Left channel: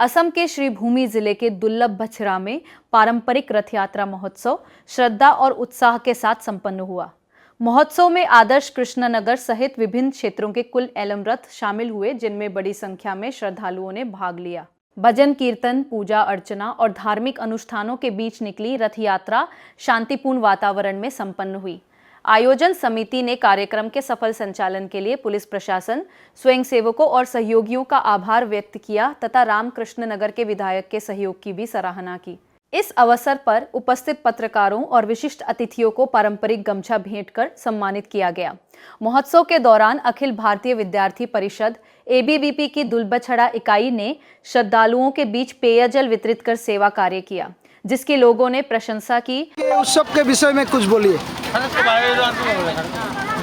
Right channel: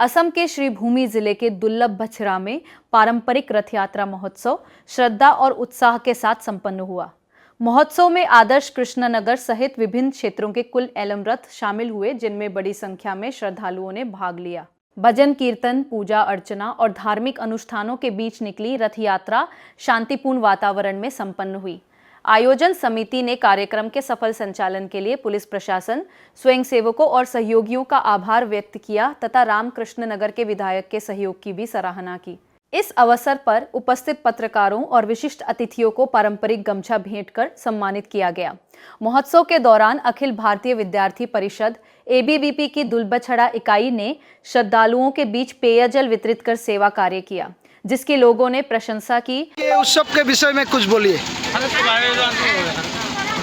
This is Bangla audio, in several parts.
असम के श्रीभूमि जिले के दुर्लभ बछरा में पारंपरिक रथ यात्रा महोत्सव श्रद्धा और उत्साह के साथ संपन्न हुआ। महोत्सव में आदर्श कृष्णनगर सहित विभिन्न क्षेत्रों के कुल 11 रथ शामिल हुए, जिनमें बड़ी संख्या में श्रद्धालुओं ने भाग लिया। भजन कीर्तन, पूजा अर्चना और धार्मिक अनुष्ठानों के बीच निकली रथ यात्रा शांतिपूर्ण वातावरण में संपन्न हुई। आयोजन समिति ने कार्यक्रम के सफल संचालन के लिए पुलिस प्रशासन, स्वयंसेवकों और सहयोगियों का आभार व्यक्त किया तथा रामकृष्ण नगर के विधायक के सहयोग की भी सराहना की। इस अवसर पर उपस्थित पत्रकारों और विशिष्ट अतिथियों को पारंपरिक गमछा भेंट कर सम्मानित किया गया। महोत्सव के दौरान अखिल भारतीय विद्यार्थी परिषद ABVP की दुलबछड़ा इकाई ने श्रद्धालुओं के बीच पेयजल वितरित कर सेवा कार्य किया, जिसके लोगों ने प्रशंसा की। उत्सव के विषय में कुछ बोलिए।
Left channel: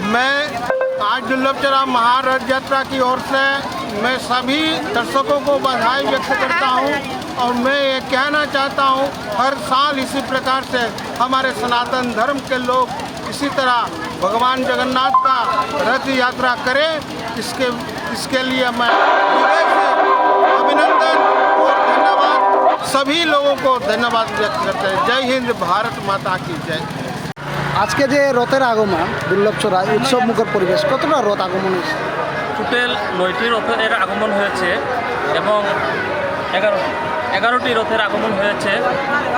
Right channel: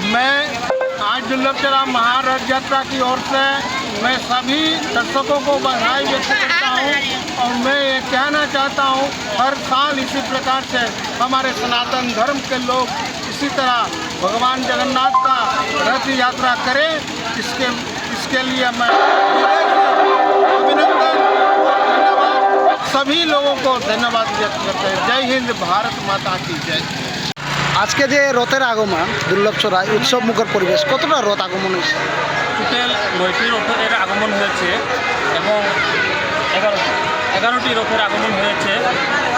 मैं आज दुर्लभचरा महारथ यात्रा की ओर से मैं सभी दर्शकों को बधाई व्यक्त करता हूं और मैं ये कहना चाहता हूं, हर साल इसी प्रकार से हमारे सनातन धर्म के लोग इसी तरह भगवान जगन्नाथ का रथ यात्रा करें। इसके लिए मैं हृदय से अभिनंदन और धन्यवाद, सभी लोगों को धन्यवाद व्यक्त करते हैं। जय हिंद, भारत माता की जय। आज के जे रथेर आगमन दुर्लभचराय उत्सव मुखर परिवेश, कतटा रथ आगमन হয়েছে? টোটাল 9টি রথের আগমন হয়েছে এবং 11টি রথের আগমন হয়েছে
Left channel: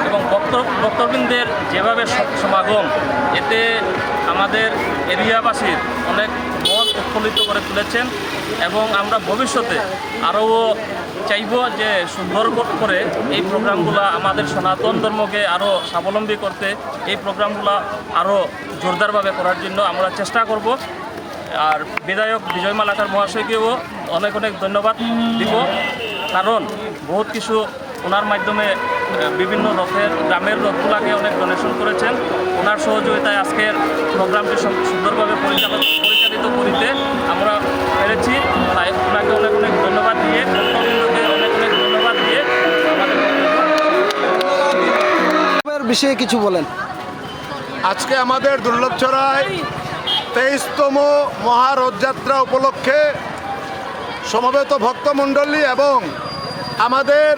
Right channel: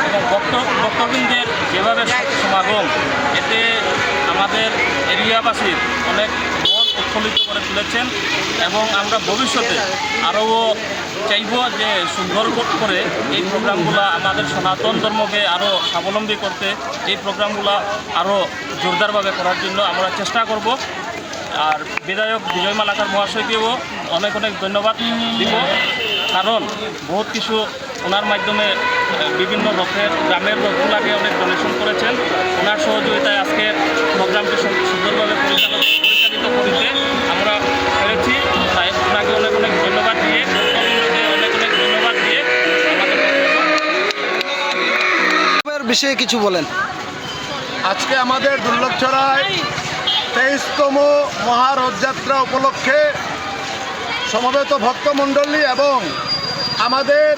এবং ভক্তবৃন্দের যেভাবে সমাগম, এতে আমাদের এরিয়াবাসীর অনেক মন উৎফুল্লিত করে তুলেছেন এবং আমরা ভবিষ্যতে আরও চাইব যে সুন্দর করে এই প্রোগ্রামগুলো আমাদের সনাতন ধর্মকে আরও স্বাবলম্বী করতে, এই প্রোগ্রামগুলো আরও জোরদারভাবে করার জন্য আমরা চেষ্টা করব। আর বিধায়ক বিজয় মালাকার মহাশয়কেও অনেক অনেক ধন্যবাদ দিব, কারণ বহুত কিছু ওনার মাধ্যমে বিভিন্ন গ্রামের রথগুলাকে অনেক ডোনেশন করেছেন। ওনার সহযোগিতায় আজকের প্রোগ্রামটি সুন্দরভাবে পরিচালিত করতে আমরা পেরেছি। তাই ওনাকে অনেক অনেক ধন্যবাদ দিয়ে, ভক্তবৃন্দকে অনেক অনেক ধন্যবাদ দিয়ে আমাদের বক্তব্য বিষয়ে কিছু বলেন। আজকে আমাদের দুর্লভচরায় 23তম মহারথযাত্রা উপলক্ষে সমবেত ভক্তমণ্ডলী এবং আমাদের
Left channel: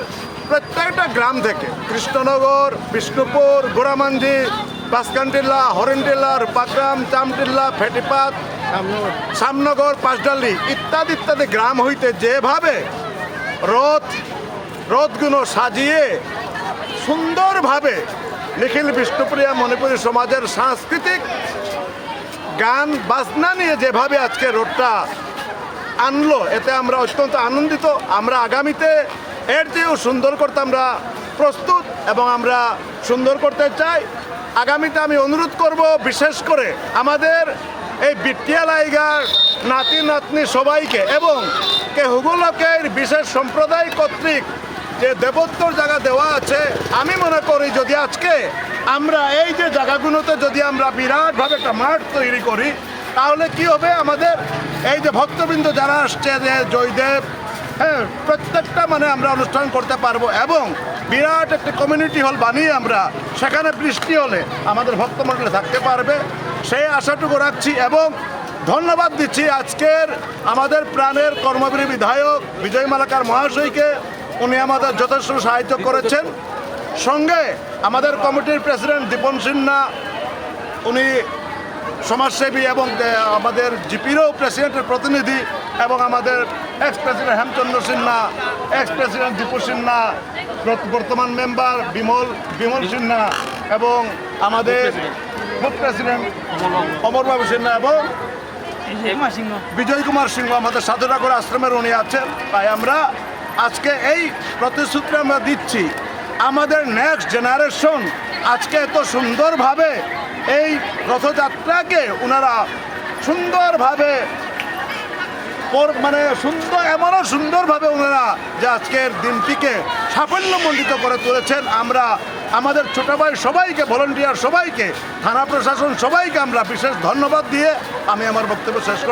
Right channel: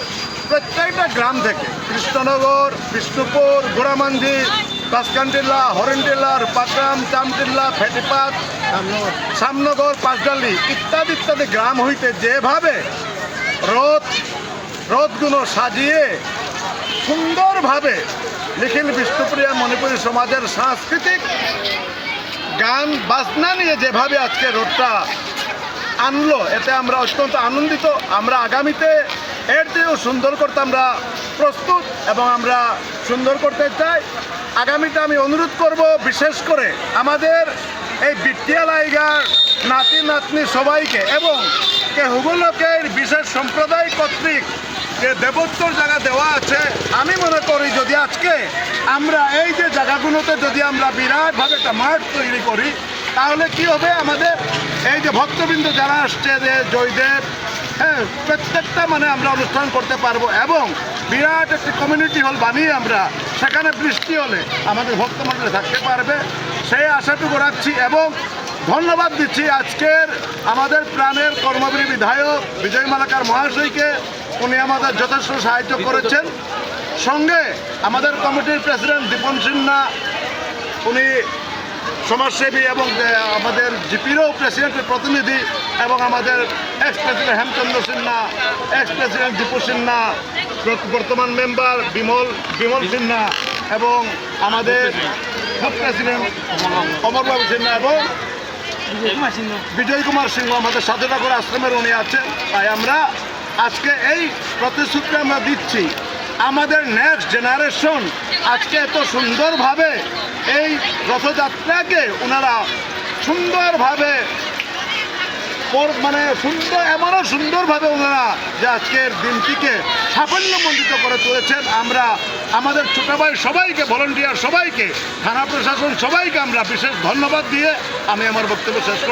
প্রত্যেকটা গ্রাম থেকে কৃষ্ণনগর, বিষ্ণুপুর, গোড়ামাঞ্জি, বাসকানটিল্লা, হরিণটিল্লা, রূপাগ্রাম, চামটিল্লা, ফেটিপাত, শ্যামনগর, পাঁচডালি ইত্যাদি ইত্যাদি গ্রাম হইতে যেভাবে রথগুলো সাজিয়ে সুন্দরভাবে নিখিল বিষ্ণুপ্রিয়া মণিপুরী সমাজের সাংস্কৃতিক গান বাজনা নিয়ে যেভাবে আজকে রথটা আনলো, এতে আমরা অত্যন্ত আনন্দিত। আমরা আগামীতে এর চেয়েও সুন্দর করতে আমরা প্রস্তুত এবং আমরা সুন্দর করতে চাই। আগামীতে আমি অনুরোধ করব, বিশেষ করে আমাদের এই বিটিয়ালাইগার নাতি নাতনি সবাইকে এবং হুগুলকের বিশেষ সম্প্রদায় কর্তৃক যে দেবোত্তর জায়গা দেওয়া আছে, আমি মনে করি যদি আজকে আমরা এই যে জায়গাগুলোতে যদি আমরা বিরাটভাবে একটা মাঠ তৈরি করি, তাহলে কি হবে, আমাদের এই যে ভক্তবৃন্দ যারা আসছে, যে জয়দেব, হ্যাঁ, প্রত্যেকটা আমরা অনুষ্ঠান করতে পারবো এবং বিরাট একটি কমিউনিটি হল বানিয়ে আমরা সেখানে বৃষ্টি হলে আমাদের ভক্তমণ্ডলী থাকতে পারবে, সেই আশাটুকু রাখছি এবং ধন্যবাদ দিচ্ছি আজকের আমাদের প্রাণের কর্মবীর বিধায়ক বিজয় মালাকার মহাশয়কে। উনি আমাদের যথেষ্ট সাহায্য করেছেন। সঙ্গে আমাদের কমিটির প্রেসিডেন্ট দীপন সিনহা, উনি সমাজসেবী এবং আমাদের জিপিরও প্রেসিডেন্টের প্রতিনিধি এবং আমাদের x president Hemchandra Sinha, x president Dipu Sinha, বর্তমান মেম্বার বিমল সিনহা এবং আমাদের প্রেসিডেন্ট অমরবাবু সিনহা এবং বিজয় কুমার সিংহ আমাদের সাধুনগর আশ্রমের উনি আছেন। তাই আমরা আজকে এই প্রতিশ্রুতি আমরা দিচ্ছি, আমাদের নেক্সট জেনারেশন আজকে এত সুন্দরভাবে এই রথযাত্রাকে ওনারা সুন্দরভাবে এমনও সুন্দরভাবে ওনারা যে আজকের দিনটিকে সাফল্যমণ্ডিত করে তুলেছেন। আমরা আমাদের ছোটো ভাই সবাইকে, ভলান্টিয়ার সবাইকে, থানা প্রশাসন সবাইকে আমরা বিশেষ ধন্যবাদ দিয়ে আমি আমার বক্তব্য শেষ করব।